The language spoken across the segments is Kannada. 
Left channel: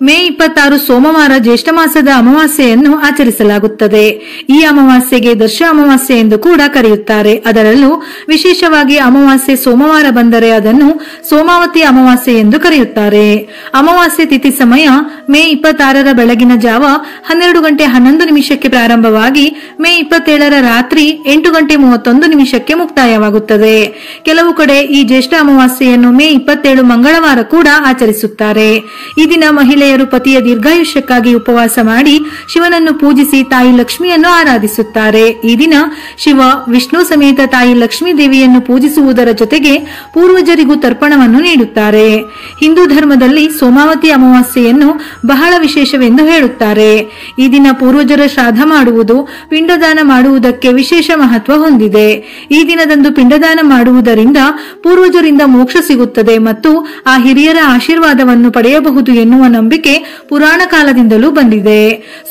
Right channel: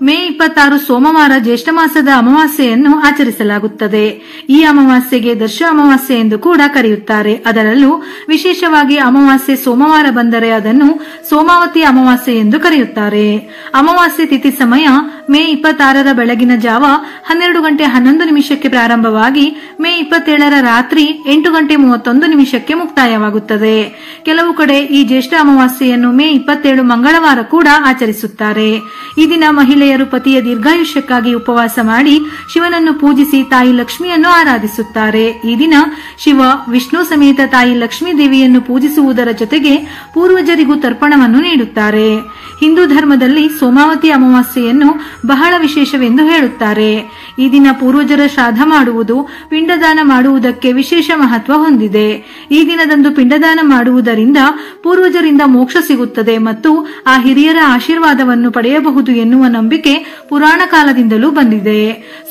ಮೇ 26 ಸೋಮವಾರ ಜ್ಯೇಷ್ಠ ಮಾಸದ ಅಮಾವಾಸ್ಯೆಯನ್ನು ಆಚರಿಸಲಾಗುತ್ತದೆ. ಈ ಅಮಾವಾಸ್ಯೆಗೆ ದರ್ಶ ಅಮಾವಾಸ್ಯೆ ಎಂದು ಕೂಡ ಕರೆಯುತ್ತಾರೆ. ಅದರಲ್ಲೂ ವಿಶೇಷವಾಗಿ ಅಮಾವಾಸ್ಯೆ ಸೋಮವಾರ ಬಂದರೆ ಅದನ್ನು ಸೋಮಾವತಿ ಅಮಾವಾಸ್ಯೆ ಎಂದು ಕರೆಯುತ್ತಾರೆ. ಅಮಾವಾಸ್ಯೆ ತಿಥಿ ಸಮಯ ಮೇ 26ರ ಬೆಳಗಿನ ಜಾವ 12 ಗಂಟೆ 11 ನಿಮಿಷಕ್ಕೆ ಪ್ರಾರಂಭವಾಗಿ ಮೇ 27ರ ರಾತ್ರಿ 8 ಗಂಟೆ 31 ನಿಮಿಷಕ್ಕೆ ಮುಕ್ತಾಯವಾಗುತ್ತದೆ. ಕೆಲವು ಕಡೆ ಈ ಜ್ಯೇಷ್ಠ ಅಮಾವಾಸ್ಯೆಯನ್ನು ಮೇ 27 ಮಂಗಳವಾರ ಕೂಡ ಆಚರಿಸುತ್ತಾರೆ. ಈ ದಿನ ಮಹಿಳೆಯರು ಪತಿಯ ದೀರ್ಘಾಯುಷ್ಯಕ್ಕಾಗಿ ಉಪವಾಸ ಮಾಡಿ ಶಿವನನ್ನು ಪೂಜಿಸಿ ತಾಯಿ ಲಕ್ಷ್ಮಿಯನ್ನು ಆರಾಧಿಸುತ್ತಾರೆ. ಈ ದಿನ ಶಿವ ವಿಷ್ಣು ಸಮೇತ ತಾಯಿ ಲಕ್ಷ್ಮೀ ದೇವಿಯನ್ನು ಪೂಜಿಸುವುದರ ಜೊತೆಗೆ ಪೂರ್ವಜರಿಗೂ ತರ್ಪಣವನ್ನು ನೀಡುತ್ತಾರೆ. ಹಿಂದೂ ಧರ್ಮದಲ್ಲಿ ಸೋಮಾವತಿ ಅಮಾವಾಸ್ಯೆಯನ್ನು ಬಹಳ ವಿಶೇಷವೆಂದು ಹೇಳುತ್ತಾರೆ. ಈ ದಿನ ಪೂರ್ವಜರ ಶ್ರಾದ್ದ ಮಾಡುವುದು, ಪಿಂಡದಾನ ಮಾಡುವುದಕ್ಕೆ ವಿಶೇಷ ಮಹತ್ವ ಹೊಂದಿದೆ. ಈ ದಿನದಂದು ಪಿಂಡದಾನ ಮಾಡುವುದರಿಂದ ಪೂರ್ವಜರಿಂದ ಮೋಕ್ಷ ಸಿಗುತ್ತದೆ ಮತ್ತು ಆ ಹಿರಿಯರ ಆಶೀರ್ವಾದವನ್ನು ಪಡೆಯಬಹುದು ಎನ್ನುವ ನಂಬಿಕೆ ಪುರಾಣ ಕಾಲದಿಂದಲೂ ಬಂದಿದೆ.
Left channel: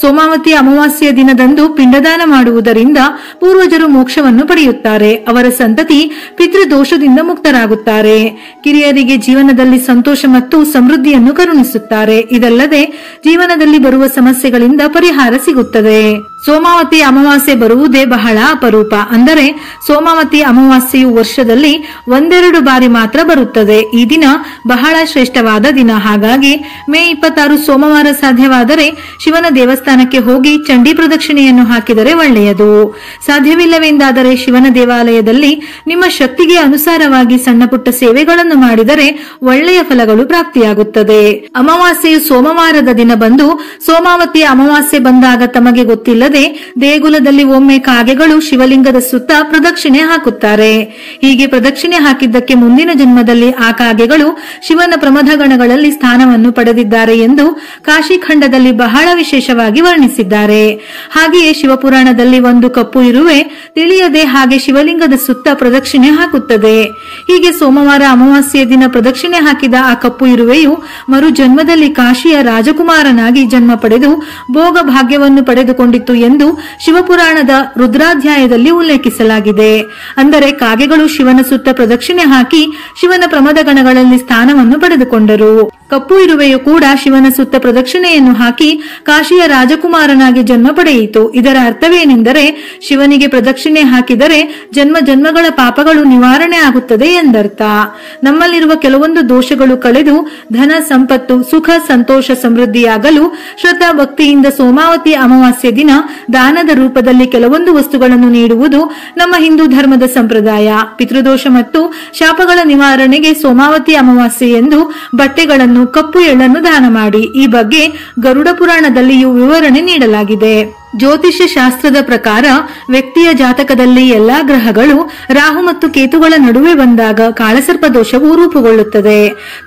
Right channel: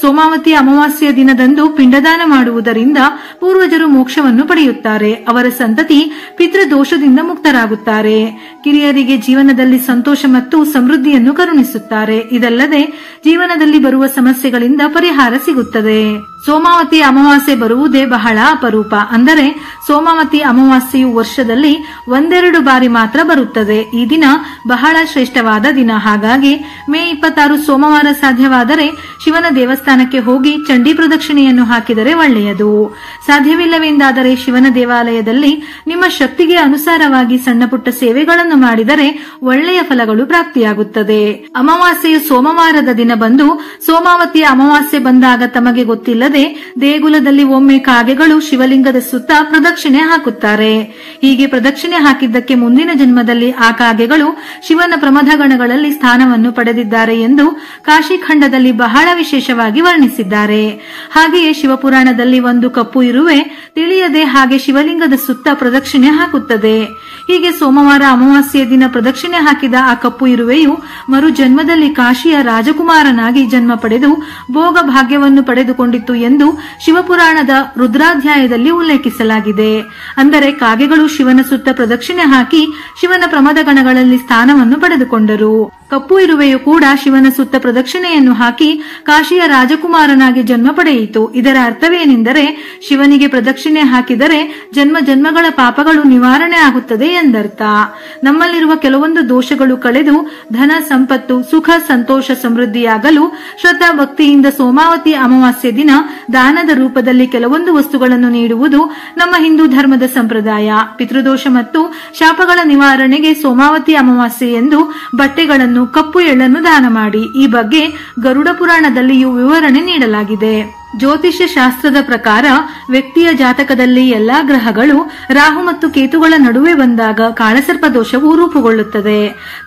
ಸೋಮಾವತಿ ಅಮಾವಾಸ್ಯೆಯ ದಿನದಂದು ಪಿಂಡದಾನ ಮಾಡುವುದರಿಂದ ಪೂರ್ವಜರು ಮೋಕ್ಷವನ್ನು ಪಡೆಯುತ್ತಾರೆ. ಅವರ ಸಂತತಿ ಪಿತೃದೋಷದಿಂದ ಮುಕ್ತರಾಗುತ್ತಾರೆ. ಕಿರಿಯರಿಗೆ ಜೀವನದಲ್ಲಿ ಸಂತೋಷ ಮತ್ತು ಸಮೃದ್ಧಿಯನ್ನು ಕರುಣಿಸುತ್ತಾರೆ. ಇದಲ್ಲದೆ ಜೀವನದಲ್ಲಿ ಬರುವ ಸಮಸ್ಯೆಗಳಿಂದ ಪರಿಹಾರ ಸಿಗುತ್ತದೆ. ಸೋಮಾವತಿ ಅಮಾವಾಸ್ಯೆ ಬರುವುದೇ ಬಹಳ ಅಪರೂಪ. ಅಂದರೆ ಸೋಮಾವತಿ ಅಮಾವಾಸ್ಯೆಯು ವರ್ಷದಲ್ಲಿ ಒಂದೆರಡು ಬಾರಿ ಮಾತ್ರ ಬರುತ್ತದೆ. ಈ ದಿನ ಬಹಳ ಶ್ರೇಷ್ಠವಾದ ದಿನ. ಹಾಗಾಗಿ ಮೇ 26 ಸೋಮವಾರ ಸಾಧ್ಯವಾದರೆ ಶಿವನ ದೇವಸ್ಥಾನಕ್ಕೆ ಹೋಗಿ ಚಂಡಿ ಪ್ರದಕ್ಷಿಣೆಯನ್ನು ಹಾಕಿದರೆ ಒಳ್ಳೆಯದು. ಸಾಧ್ಯವಿಲ್ಲವೆಂದಾದರೆ ಶಿವನ ದೇವಾಲಯದಲ್ಲಿ ನಿಮ್ಮ ಶಕ್ತಿಗೆ ಅನುಸಾರವಾಗಿ ಸಣ್ಣ ಪುಟ್ಟ ಸೇವೆಗಳನ್ನು ಮಾಡಿದರೆ ಒಳ್ಳೆಯ ಫಲಗಳು ಪ್ರಾಪ್ತಿಯಾಗುತ್ತದೆ. ಅಮಾವಾಸ್ಯೆಯು ಸೋಮವಾರದ ದಿನ ಬಂದು ಸೋಮಾವತಿ ಅಮಾವಾಸ್ಯೆ ಬಂದಾಗ ತಮಗೆ ಗೊತ್ತಿಲ್ಲದೆ ದೇಗುಲದಲ್ಲಿ ಒಮ್ಮೆ ಕಾಗೆಗಳು ಶಿವಲಿಂಗದ ಸುತ್ತ ಪ್ರದಕ್ಷಿಣೆ ಹಾಕುತ್ತಾರೆ. ಹೀಗೆ ಪ್ರದಕ್ಷಿಣೆ ಹಾಕಿದ್ದಕ್ಕೆ ಮುಂದಿನ ಜನ್ಮದಲ್ಲಿ ಆ ಕಾಗೆಗಳು ಶಿವನ ಪ್ರಮಥಗಣಗಳಲ್ಲಿ ಸ್ಥಾನವನ್ನು ಪಡೆದಿದ್ದಾರೆ ಎಂದು ಕಾಶಿಖಂಡದಲ್ಲಿ ಬಹಳ ವಿಶೇಷವಾಗಿ ವರ್ಣಿಸಿದ್ದಾರೆ. ಹಾಗೆಯೇ ಶಿವಪುರಾಣದಲ್ಲಿ ಒಂದು ಕಪ್ಪು ಇರುವೆ ತಿಳಿಯದೆ ಹಾಗೆ ಶಿವಲಿಂಗದ ಸುತ್ತ ಪ್ರದಕ್ಷಿಣೆ ಹಾಕುತ್ತದೆ. ಹೀಗೆ ಸೋಮವಾರ ಅಮಾವಾಸ್ಯೆಯ ದಿನ ಪ್ರದಕ್ಷಿಣೆ ಹಾಕಿದ ಆ ಕಪ್ಪು ಇರುವೆಯು ಮರು ಜನ್ಮದಲ್ಲಿ ಕಾಶಿಯ ರಾಜಕುಮಾರನಾಗಿ ಜನ್ಮ ಪಡೆದು ಭೋಗ ಭಾಗ್ಯವನ್ನು ಪಡೆದುಕೊಂಡಿತ್ತು ಎಂದು ಶಿವಪುರಾಣದ ರುದ್ರಾಧ್ಯಾಯದಲ್ಲಿ ಉಲ್ಲೇಖಿಸಲಾಗಿದೆ. ಅಂದರೆ ಕಾಗೆಗಳು ಶಿವನ ಸುತ್ತ ಪ್ರದಕ್ಷಿಣೆ ಹಾಕಿ ಶಿವನ ಪ್ರಮದ ಗಣಗಳಲ್ಲಿ ಸ್ಥಾನವನ್ನು ಪಡೆದುಕೊಂಡರು. ಕಪ್ಪು ಇರುವೆಯು ಕೂಡ ಶಿವನ ಸುತ್ತ ಪ್ರದಕ್ಷಿಣೆಯನ್ನು ಹಾಕಿ ಕಾಶಿಯ ರಾಜಕುಮಾರನಾಗಿ ಜನ್ಮ ಪಡೆಯಿತು. ಇದರ ಅರ್ಥವೇನೆಂದರೆ ಶಿವನಿಗೆ ಪ್ರದಕ್ಷಿಣೆ ಹಾಕಿದರೆ ಜನ್ಮ ಜನ್ಮಗಳ ಪಾಪಗಳು ನಿವಾರಣೆ ಆಗುತ್ತದೆ ಎಂದರ್ಥ. ನಮ್ಮಲ್ಲಿರುವ ಕೆಲವೊಂದು ದೋಷಗಳು ಕಳೆದು ಧನ ಸಂಪತ್ತು ಸುಖ ಸಂತೋಷ ಸಮೃದ್ಧಿಯಾಗಲು ಶ್ರದ್ಧಾ ಭಕ್ತಿಯಿಂದ ಸೋಮಾವತಿ ಅಮಾವಾಸ್ಯೆ ದಿನ ದಾನದ ರೂಪದಲ್ಲಿ ಕೆಲವೊಂದು ವಸ್ತುಗಳನ್ನು ನೀಡುವುದು ನಮ್ಮ ಹಿಂದೂ ಧರ್ಮದ ಸಂಪ್ರದಾಯ. ಪಿತೃದೋಷ ಮತ್ತು ಶಾಪಗಳ ನಿವಾರಣೆಗೆ ಸೋಮಾವತಿ ಅಮಾವಾಸ್ಯೆ ಎಂದು ಬಟ್ಟೆಗಳನ್ನು ಕಪ್ಪು ಎಳ್ಳನ್ನು ದಾನ ಮಾಡಿ. ಈ ಬಗ್ಗೆ ಗರುಡ ಪುರಾಣದಲ್ಲಿಯೂ ವಿವರಣೆ ನೀಡಲಾಗಿದೆ. ಜ್ಯೋತಿಷ್ಯ ಶಾಸ್ತ್ರದ ಪ್ರಕಾರ ವ್ಯಕ್ತಿಯ ಜಾತಕದಲ್ಲಿ ಎಲ್ಲಾ ಗ್ರಹಗಳು ರಾಹು ಮತ್ತು ಕೇತುಗಳ ನಡುವೆ ಬಂದಾಗ ಕಾಳಸರ್ಪ ದೋಷವು ರೂಪುಗೊಳ್ಳುತ್ತದೆ.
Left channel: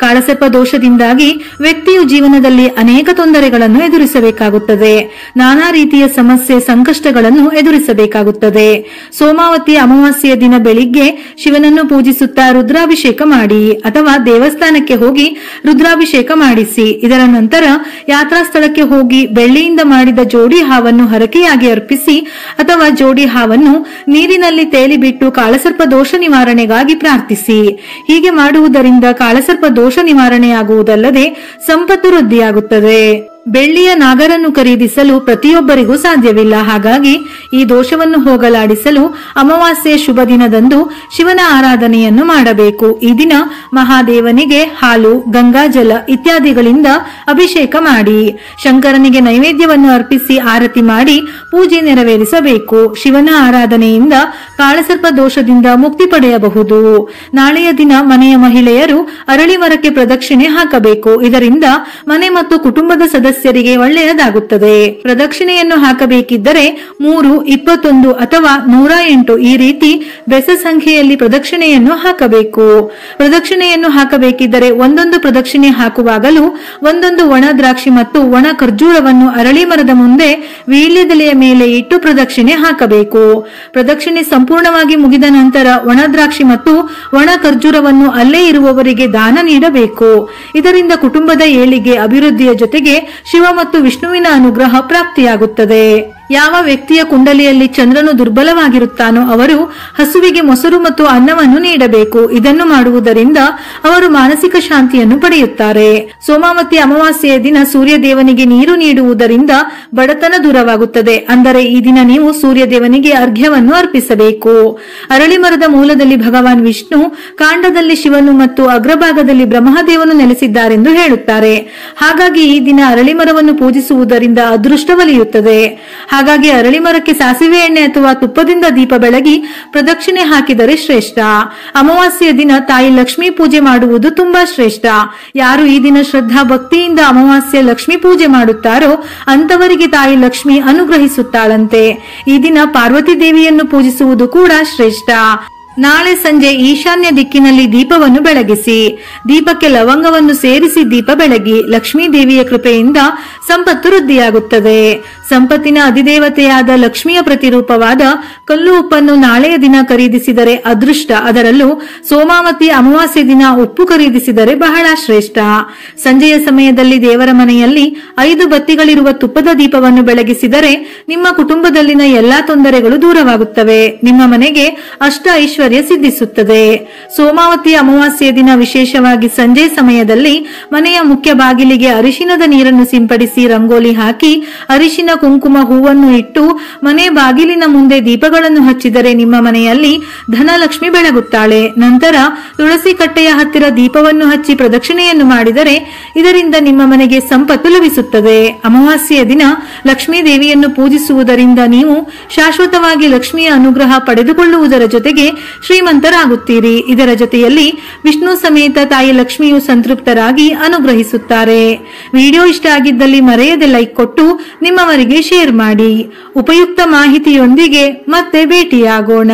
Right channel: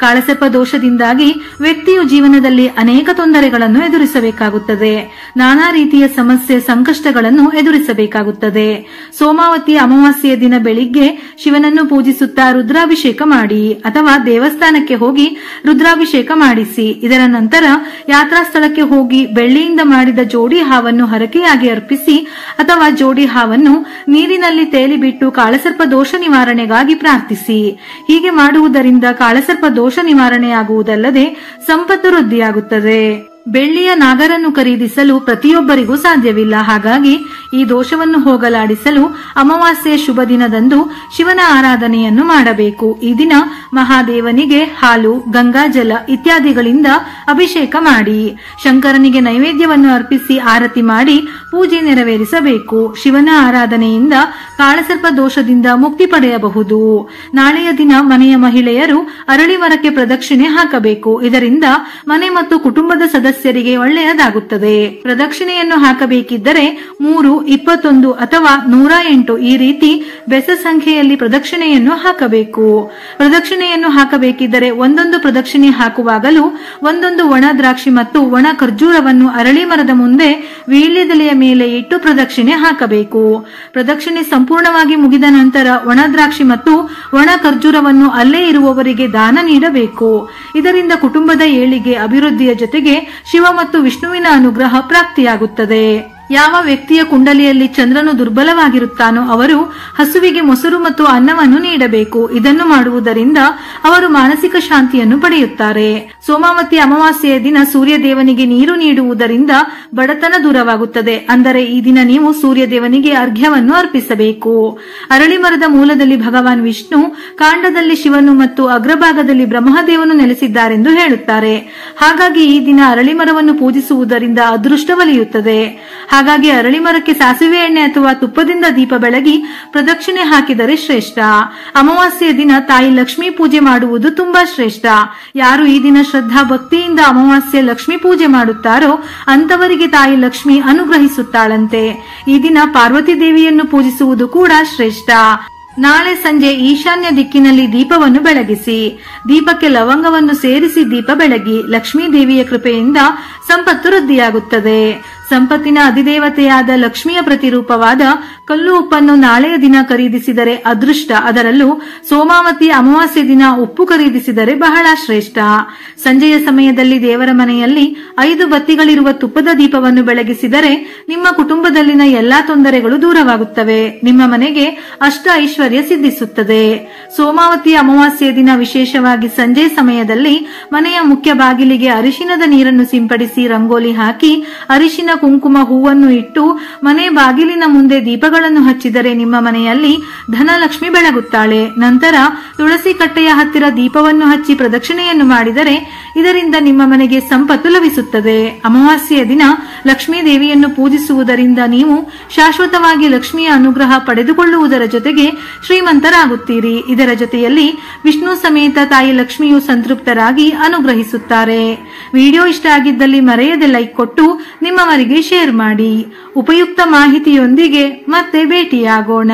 ಕಾಳಸರ್ಪ ದೋಷದಿಂದಾಗಿ ವ್ಯಕ್ತಿಯು ಜೀವನದಲ್ಲಿ ಅನೇಕ ತೊಂದರೆಗಳನ್ನು ಎದುರಿಸಬೇಕಾಗುತ್ತದೆ. ನಾನಾ ರೀತಿಯ ಸಮಸ್ಯೆ ಸಂಕಷ್ಟಗಳನ್ನು ಎದುರಿಸಬೇಕಾಗುತ್ತದೆ. ಸೋಮಾವತಿ ಅಮಾವಾಸ್ಯೆಯ ದಿನ ಬೆಳಿಗ್ಗೆ ಶಿವನನ್ನು ಪೂಜಿಸುತ್ತಾ ರುದ್ರಾಭಿಷೇಕ ಮಾಡಿ ಅಥವಾ ದೇವಸ್ಥಾನಕ್ಕೆ ಹೋಗಿ ರುದ್ರಾಭಿಷೇಕ ಮಾಡಿಸಿ. ಇದರ ನಂತರ ಯಾತ್ರಾ ಸ್ಥಳಕ್ಕೆ ಹೋಗಿ ಬೆಳ್ಳಿಯಿಂದ ಮಾಡಿದ ಜೋಡಿ ಹಾವನ್ನು ಹರಕೆಯಾಗಿ ಅರ್ಪಿಸಿ ಅಥವಾ ಜೋಡಿ ಹಾವನ್ನು ನೀರಿನಲ್ಲಿ ತೇಲಿಬಿಟ್ಟು ಕಾಳಸರ್ಪ ದೋಷ ನಿವಾರಣೆಗಾಗಿ ಪ್ರಾರ್ಥಿಸಿ. ಹೀಗೆ ಮಾಡುವುದರಿಂದ ಕಾಳಸರ್ಪ ದೋಷ ನಿವಾರಣೆಯಾಗುವುದಲ್ಲದೆ ಸಂಪತ್ತು ವೃದ್ಧಿಯಾಗುತ್ತದೆ. ಬೆಳ್ಳಿಯ ನಾಗರನ್ನು ಖರೀದಿಸಲು ಪ್ರತಿಯೊಬ್ಬರಿಗೂ ಸಾಧ್ಯವಿಲ್ಲ. ಹಾಗಾಗಿ ಈ ದೋಷವನ್ನು ಹೋಗಲಾಡಿಸಲು ಅಮಾವಾಸ್ಯೆಯ ಶುಭ ದಿನದಂದು ಶಿವನ ಆರಾಧನೆಯನ್ನು ಮಾಡಬೇಕು. ಈ ದಿನ ಮಹಾದೇವನಿಗೆ ಹಾಲು ಗಂಗಾಜಲ ಇತ್ಯಾದಿಗಳಿಂದ ಅಭಿಷೇಕ ಮಾಡಿ ಶಂಕರನಿಗೆ ನೈವೇದ್ಯವನ್ನು ಅರ್ಪಿಸಿ ಆರತಿ ಮಾಡಿ ಪೂಜೆ ನೆರವೇರಿಸಬೇಕು. ಶಿವನ ಆರಾಧನೆಯಿಂದ ಕಾಳಸರ್ಪ ದೋಷದಿಂದ ಮುಕ್ತಿ ಪಡೆಯಬಹುದು. ನಾಳೆಯ ದಿನ ಮನೆಯ ಮಹಿಳೆಯರು ಅರಳಿ ಮರಕ್ಕೆ ಪ್ರದಕ್ಷಿಣೆ ಹಾಕಬೇಕು. ಇದರಿಂದ ಮನೆ ಮತ್ತು ಕುಟುಂಬದ ಸದಸ್ಯರಿಗೆ ಒಳ್ಳೆಯದಾಗುತ್ತದೆ. ಪ್ರದಕ್ಷಿಣೆಯನ್ನು ಹಾಕಬೇಕಿದ್ದರೆ 3, 21 ಅಥವಾ 108 ಈ ರೀತಿ ಬೆಸ ಸಂಖ್ಯೆಯಲ್ಲಿ ಪ್ರದಕ್ಷಿಣೆಯನ್ನು ಹಾಕಬೇಕು. ಪ್ರದಕ್ಷಿಣೆಯನ್ನು ಹಾಕಬೇಕಿದ್ದರೆ ಒಂದೊಂದು ಪ್ರದಕ್ಷಿಣೆ ಹಾಕುವಾಗಲೂ ಒಂದೊಂದು ಒಣ ದ್ರಾಕ್ಷಿ ಮತ್ತು ಒಣ ಖರ್ಜೂರವನ್ನು ಅರಳಿ ಮರದ ಮುಂದೆ ವೀಳ್ಯದೆಲೆಯ ಮೇಲೆ ಇಟ್ಟು ಪ್ರದಕ್ಷಿಣೆ ಹಾಕಬೇಕು. ಪ್ರದಕ್ಷಿಣೆ ಸಂಪೂರ್ಣವಾಗಿ ಮುಗಿದ ನಂತರ ಒಣ ದ್ರಾಕ್ಷಿ ಮತ್ತು ಒಣ ಖರ್ಜೂರವನ್ನು ಅಲ್ಲೇ ಇರುವವರಿಗೆ ದಾನ ನೀಡಬೇಕು. ಇದರಿಂದ ಕುಟುಂಬದ ಏಳಿಗೆ ಅಭಿವೃದ್ಧಿಯ ಜೊತೆಗೆ ಶಿವ ಮತ್ತು ವಿಷ್ಣುವಿನ ಅನುಗ್ರಹ ಪ್ರಾಪ್ತಿಯಾಗುತ್ತದೆ. ಯಾವ ವ್ಯಕ್ತಿಯ ಕುಂಡಲಿಯಲ್ಲಿ ಚಂದ್ರನು ದುರ್ಬಲವಾಗಿರುತ್ತಾನೋ ಅವರು ಹಸುವಿಗೆ ಮೊಸರು ಮತ್ತು ಅನ್ನವನ್ನು ನೀಡಬೇಕು. ಇದನ್ನು ಮಾಡುವುದರಿಂದ ಅವರು ಮಾನಸಿಕ ಶಾಂತಿಯನ್ನು ಪಡೆಯುತ್ತಾರೆ. ಸೋಮಾವತಿ ಅಮಾವಾಸ್ಯೆಯ ದಿನ ಸೂರ್ಯ ದೇವನಿಗೆ ನೀರು ನೀಡುವುದರಿಂದ ಬಡತನ ದೂರವಾಗುತ್ತದೆ. ಅಂದರೆ ಈ ದಿನ ನೀವು ಸೂರ್ಯ ದೇವನಿಗೆ ಅರ್ಘ್ಯವನ್ನು ಅರ್ಪಿಸಬೇಕು. ಅರಳಿ ಮರದ ಮೂಲದಲ್ಲಿ ಭಗವಾನ್ ವಿಷ್ಣು, ಕಾಂಡದಲ್ಲಿ ಶಿವನು ಮತ್ತು ಅಗ್ರಭಾಗದಲ್ಲಿ ಬ್ರಹ್ಮದೇವನು ನೆಲೆಸಿದ್ದಾರೆಂದು ಹೇಳುತ್ತಾರೆ. ಹಾಗಾಗಿ ಈ ದಿನ ಅರಳಿ ಮರವನ್ನು ಪೂಜಿಸುವುದರಿಂದ ಅದೃಷ್ಟ ಒಲಿಯುತ್ತದೆ. ಹಾಗಾಗಿ ಅರಳಿ ಮರಕ್ಕೆ ಸಾಸಿವೆ ಎಣ್ಣೆ ಅಥವಾ ತುಪ್ಪದಿಂದ ದೀಪ ಬೆಳಗಿ ಪ್ರದಕ್ಷಿಣೆ ಹಾಕಿದರೆ ಶ್ರೇಷ್ಠ. ಅಮಾವಾಸ್ಯೆಯ ದಿನ ತಾಯಿ ಲಕ್ಷ್ಮೀ ಪೂಜೆ ಮಾಡುವುದು ತುಂಬಾ ಶ್ರೇಷ್ಠ. ಯಾರು ಈ ದಿನ ಶ್ರದ್ಧಾ ಭಕ್ತಿಯಿಂದ ಅಮಾವಾಸ್ಯೆ ಲಕ್ಷ್ಮೀ ಪೂಜೆ ಮಾಡುತ್ತಾರೋ ಅಂತವರಿಗೆ ತಾಯಿ ಲಕ್ಷ್ಮಿ ಅನುಗ್ರಹಿಸುತ್ತಾಳಂತೆ. ಈ ದಿನ ಪಾರ್ವತಿ ದೇವಿಯನ್ನು ಪೂಜಿಸುವುದು ಕೂಡ ಶ್ರೇಷ್ಠ. ನಾಳೆ ಸಂಜೆ ಈಶಾನ್ಯ ದಿಕ್ಕಿನಲ್ಲಿ ದೀಪವನ್ನು ಬೆಳಗಿಸಿ. ದೀಪಕ್ಕೆ ಲವಂಗವನ್ನು ಸೇರಿಸಿ ದೀಪ ಬೆಳಗಿ. ಲಕ್ಷ್ಮೀ ದೇವಿಯ ಕೃಪೆಯಿಂದ ಸಂಪತ್ತು ವೃದ್ಧಿಯಾಗುತ್ತದೆ. ಸಂಪತ್ತಿನ ಅಧಿದೇವತೆಯಾದ ಲಕ್ಷ್ಮಿಯ ಪ್ರತಿರೂಪವಾದ ಕಲ್ಲು ಉಪ್ಪನ್ನು ನಾಳೆಯ ದಿನ ಖರೀದಿಸಿದರೆ ಅದೃಷ್ಟ. ಅದರಲ್ಲೂ ಸೋಮಾವತಿ ಅಮಾವಾಸ್ಯೆ ದಿನ ಉಪ್ಪು ಖರೀದಿಸಿದರೆ ಬಹಳ ಶ್ರೇಷ್ಠ. ಸಂಜೆಯ ಸಮಯದಲ್ಲಿ ದೇವರ ಮನೆಯಲ್ಲಿ 5 ಬತ್ತಿಗಳಿರುವ ತುಪ್ಪದ ದೀಪವನ್ನು ಬೆಳಗಿಸಿದರೆ ನಿಮ್ಮ ಕುಟುಂಬದಲ್ಲಿನ ಎಲ್ಲಾ ತೊಂದರೆಗಳು ದೂರವಾಗುತ್ತವೆ. ನಿಮ್ಮ ಮನೆಗೆ ಅಷ್ಟ ಐಶ್ವರ್ಯ ಸಿದ್ಧಿಸುತ್ತದೆ. ಸೋಮಾವತಿ ಅಮಾವಾಸ್ಯೆಯ ದಿನ ವಿಶೇಷವಾಗಿ ಸಂಜೆ ಸಮಯದಲ್ಲಿ ಮನೆಯ ಮುಖ್ಯ ಬಾಗಿಲಿಗೆ ಅರಿಶಿನದ ನೀರನ್ನು ಸಿಂಪಡಿಸಿ ರಂಗೋಲಿ ಹಾಕಿ ಅರಿಶಿನ ಕುಂಕುಮ ಹೂವನ್ನು ಇಟ್ಟು ಮನೆ ಬಾಗಿಲಿನ ಮುಂದೆ ದೀಪಗಳನ್ನು ಹಚ್ಚಿದರೆ ನಿಮ್ಮ ಮನೆಯಲ್ಲಿ ಧನಲಕ್ಷ್ಮಿ ಬೆಳಗುತ್ತಾಳೆ. ನಂತರ ತುಳಸಿ ಕಟ್ಟೆಯ ಹತ್ತಿರ ದೀಪವನ್ನು ಹಚ್ಚಿ ಪ್ರದಕ್ಷಿಣೆಯನ್ನು ಮಾಡಿದರೆ ಇದರಿಂದ ನಿಮ್ಮ ಮನೆಗೆ ಸಂಪತ್ತು ಲಭಿಸುತ್ತದೆ. ಅಮಾವಾಸ್ಯೆಯ ದಿನ ಲಕ್ಷ್ಮೀ ದೇವಿಯನ್ನು ಪೂಜಿಸುವುದರಿಂದ ನೀವು ಶಾಶ್ವತವಾಗಿ ಲಕ್ಷ್ಮಿಯ ಅನುಗ್ರಹ ಪಡೆದುಕೊಳ್ಳುವುದರ ಜೊತೆಗೆ ಶ್ರೀಮಂತರಾಗುತ್ತೀರಿ. ಇದರ ಜೊತೆಯಲ್ಲಿ ವಿಷ್ಣು ಸಮೇತ ತಾಯಿ ಲಕ್ಷ್ಮಿಯು ಸಂತೃಪ್ತರಾಗಿ ಅನುಗ್ರಹಿಸುತ್ತಾರೆ. ವಿಡಿಯೋ ಇಷ್ಟ ಆಗಿದ್ದಲ್ಲಿ ಮರೆಯದೆ ಲೈಕ್ ಕೊಟ್ಟು ನಿಮ್ಮವರಿಗೆ ಶೇರ್ ಮಾಡಿ. ಉಪಯುಕ್ತ ಮಾಹಿತಿಯೊಂದಿಗೆ ಮತ್ತೆ ಭೇಟಿಯಾಗೋಣ.